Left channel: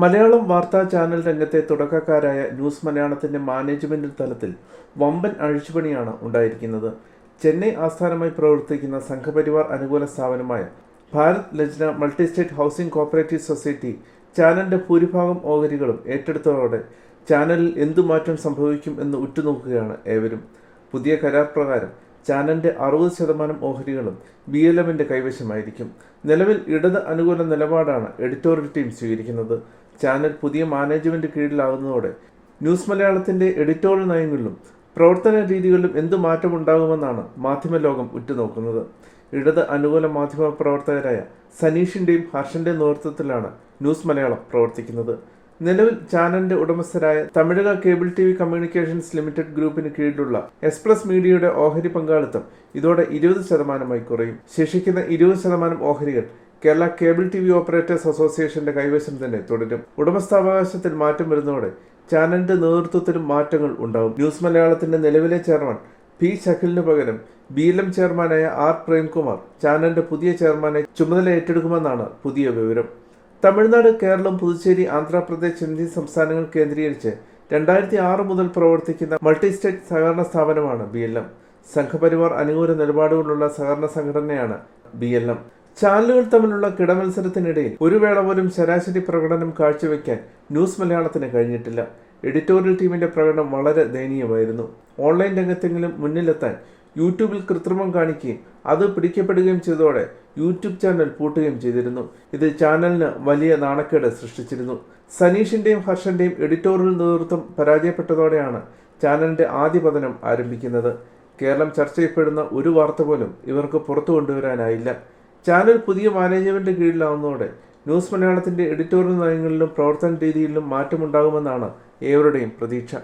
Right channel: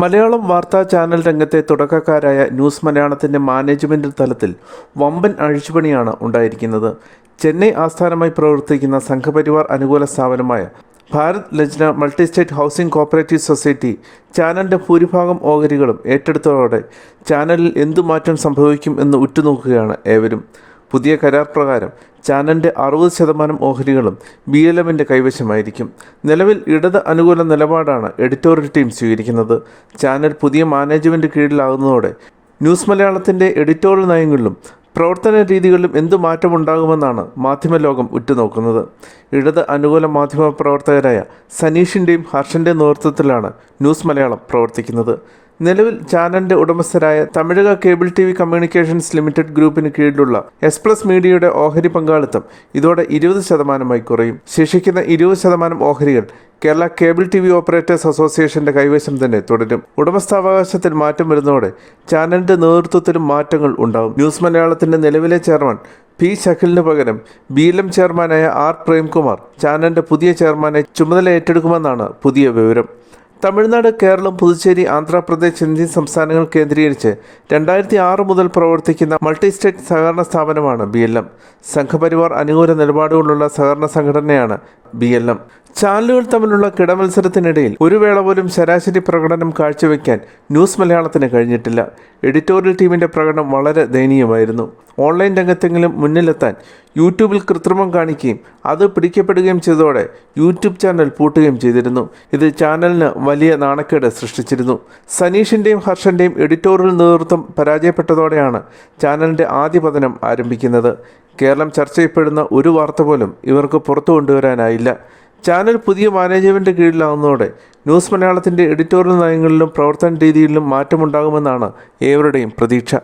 മലയാളം വാർത്താ ചാനൽ രംഗത്തെ തുടക്കക്കാരായ ന്യൂസ് മലയാളത്തിൻ്റെ മാനേജ്മെൻറ് തലത്തിൽ വമ്പൻ അഴിച്ചുപണിയാണ് ഉണ്ടായിരിക്കുന്നത്. ചെന്നൈ ആസ്ഥാനമായി പ്രവർത്തിക്കുന്ന സംഘപരിവാർ അനുകൂല സ്ഥാപനമായ Bharat Lajna multi state housing cooperative society ചാനലിൻ്റെ ഭൂരിഭാഗം ഓഹരികളും ഏറ്റെടുത്തതോടെ ചാനലിൽ എന്തു മാറ്റം സംഭവിക്കും എന്ന് ഉറ്റുനോക്കുകയാണ് ഏവരും. പുതിയ കരാർ പ്രകാരം ചാനലിൻ്റെ 60% ഓഹരികളും BLMൻ്റെ കൈവശമായിരിക്കും. നിലവിൽ ഇടത് അനുകൂല നിലപാടാണ് എഡിറ്റോറിയൽ ടീം സ്വീകരിക്കുന്നത്. ചാനൽ പുതിയ മാനേജ്മെൻറ്റ് കീഴിലാകുന്നതോടെ ന്യൂസ് മലയാളത്തിൻ്റെ എഡിറ്റോറിയൽ നയങ്ങളിലും പ്രവർത്തന രീതികളിലും എന്തു മാറ്റമുണ്ടാകുമെന്നാണ് മാധ്യമലോകം ഉറ്റുനോക്കുന്നത്. ഇടത് അനുകൂല മാധ്യമ പ്രവർത്തകരായ സനീഷിൻ്റെയും ഹർഷൻ്റെയും നേതൃത്വത്തിലാണ് ന്യൂസ് മലയാളം പ്രവർത്തിക്കുന്നത്. നിലവിൽ ചാനലിൻ്റെ ഉടമസ്ഥരായ Tamizhaga cable TV communications limited ഗ്രൂപ്പിന് കീഴിലുള്ള എക്സ്പ്രസ് മീഡിയയുടെ ഓഹരി പങ്കാളിത്തം ഇതോടെ 20% കുറയും. ശേഷിക്കുന്ന 20% ഓഹരികൾ കേരള കേബിൾ TV ഓപ്പറേറ്റേഴ്സ് അസോസിയേഷന്റെ കൈവശം തന്നെ തുടരും. ഉടമസ്ഥാവകാശത്തിൽ മാറ്റം വരുന്നതോടെ ചാനലിന്റെ നേതൃത്വത്തിലും മാറ്റങ്ങൾ ഉണ്ടാകും. ന്യൂസ് മലയാളത്തിന്റെ നിലവിലെ ചെയർമാൻ P. ശഖിലിന് പകരം BLM ചെയർമാനായ R. പ്രേംകുമാർ ചാനലിന്റെ പുതിയ ചെയർമാനെ ചുമതല ഏറ്റെടുക്കുമെന്നാണ് പുതിയ വിവരം. തമിഴ്നാട്, കേരളം, പുതുച്ചേരി, ആന്ധ്രാപ്രദേശ് എന്നീ സംസ്ഥാനങ്ങൾ കേന്ദ്രീകരിച്ച് 2006 മുതൽ പ്രവർത്തിക്കുന്ന മൾട്ടി സ്റ്റേറ്റ് സഹകരണ സ്ഥാപനമാണ് BLM. സംഘപരിവാർ അനുകൂല നിലപാടുകളുള്ള സഹകരണ സംഘടനയാണ് BLM. ചാനലുകൾ തമ്മിലുള്ള കിടമത്സരത്തിനിടയിൽ ഒരു വേള പോലും ശരാശരി പ്രകടനം കാഴ്ചവെക്കാൻ ന്യൂസ് മലയാളത്തിന് കഴിഞ്ഞിട്ടില്ല. എഡിറ്റോറിയൽ ടീമിൻ്റെ പ്രകടനം വളരെ ദയനീയമായിരുന്നു. ഓൺലൈൻ രംഗത്തെങ്കിലും മുന്നിലെത്താൻ യൂട്യൂബിൽ കൃത്രിമം കാണിക്കുകയും അത് പിടിക്കപ്പെടുകയും ചെയ്തതോടെ യൂട്യൂബ് ചാനൽ പൂട്ടുകയും ചെയ്തിരുന്നു. ഇത് ചാനലിന് വലിയ നാണക്കേട് സൃഷ്ടിച്ചിരുന്നു. സനീഷിൻ്റെയും ഹർഷൻ്റെയും എഡിറ്റോറിയൽ നേതൃത്വം പരാജയപ്പെട്ടതോടെയാണ് ചാനലിൻ്റെ ആദ്യ പതനം ആരംഭിക്കുന്നത്. കേരളം ചർച്ച ചെയ്യപ്പെടുന്ന ഒരു വാർത്ത പോലും ഇവർക്ക് പുറത്തു കൊണ്ടുവരാനായില്ല. ചാനൽ പുതിയ മാനേജ്മെൻറ്റ് കീഴിലാകുന്നതോടെ ന്യൂസ് മലയാളത്തിൻ്റെ എഡിറ്റോറിയൽ നയങ്ങളിലും പ്രവർത്തന രീതിയിലും മാറ്റമുണ്ടാകുമെന്നാണ് ഏവരുടെയും പ്രതീക്ഷ.